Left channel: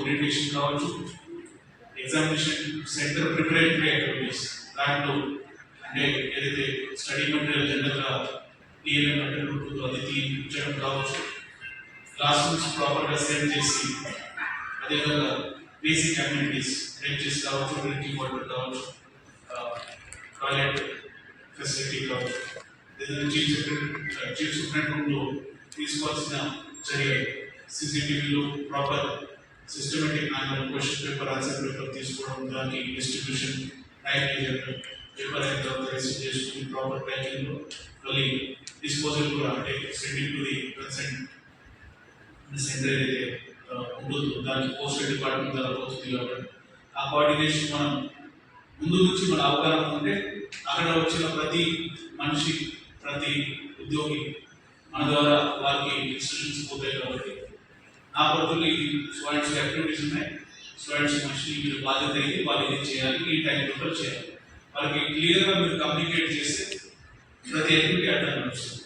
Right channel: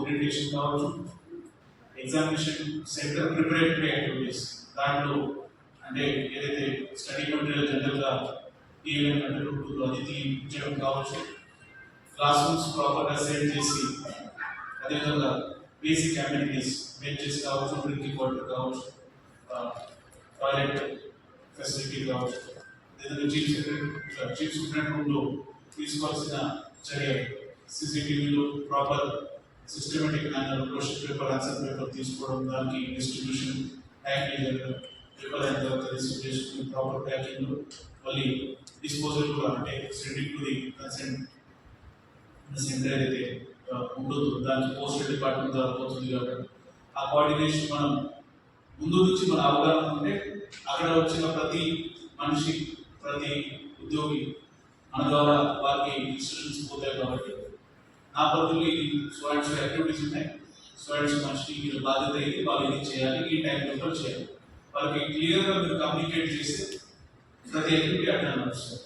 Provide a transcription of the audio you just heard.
Orientation కావచ్చు, examination centre preparatory activities దాంట్లో అంటే ఏదైతే స్టడీ మెటీరియల్ జనరల్గా టీఎల్ఎం అంటే ఉంటుంది అది తీయించడం కావచ్చు, క్లాస్ రూమ్స్ ప్రాపర్గా సెట్ చేసి అదేవిధంగా బేసిక్ అమ్యూనిటీస్ బెంచెస్ కావచ్చు, డ్రింకింగ్ వాటర్ కావచ్చు, టాయిలెట్ ఫెసిలిటీ కావచ్చు, ఏదైనా చీఫ్ సూపరింటెండెంట్ రూమ్లో తీసుకోవాల్సిన చర్యలు, సీసీటీవీలో proper systematic manner question paper answer paper తీసుకోవడం, దానికి డిస్ట్రిబ్యూషన్ టైం పేపర్ అయిన తర్వాత రిసీవ్ చేసుకుని ప్రాపర్ ప్యాకింగ్లో మళ్ళీ డిస్పోజల్ కూడా అంటే sending to the consent centre ఏదైతే ఉంటుందో దానికి పోస్టల్ డిపార్ట్మెంట్ ద్వారా పోతుంది కాబట్టి ఆ కోఆర్డినేషన్ మనం ముందు నుంచి మన అవగాహన ఉంటే అక్కడ వచ్చిన ప్రతి మనిషి ప్రతి ఉద్యోగి మన ద్వారా వారికి ఇన్స్ట్రక్షన్స్ పోతాయి కాబట్టి నా పరిధిలో ఈ స్టూడెంట్స్ యాక్టివిటీస్ ఉన్నాయి, స్టూడెంట్స్ మనిషి మీరు బాధ్యత అయింది వాళ్ళు ఇది చేయాలి, ఈ టైం లో చేయాలి, వాళ్ళకి క్లియర్గా మీరు కమ్యూనికేట్ చేస్తే ప్రతి యాక్టివిటీ అట్లా నడుస్తుంది.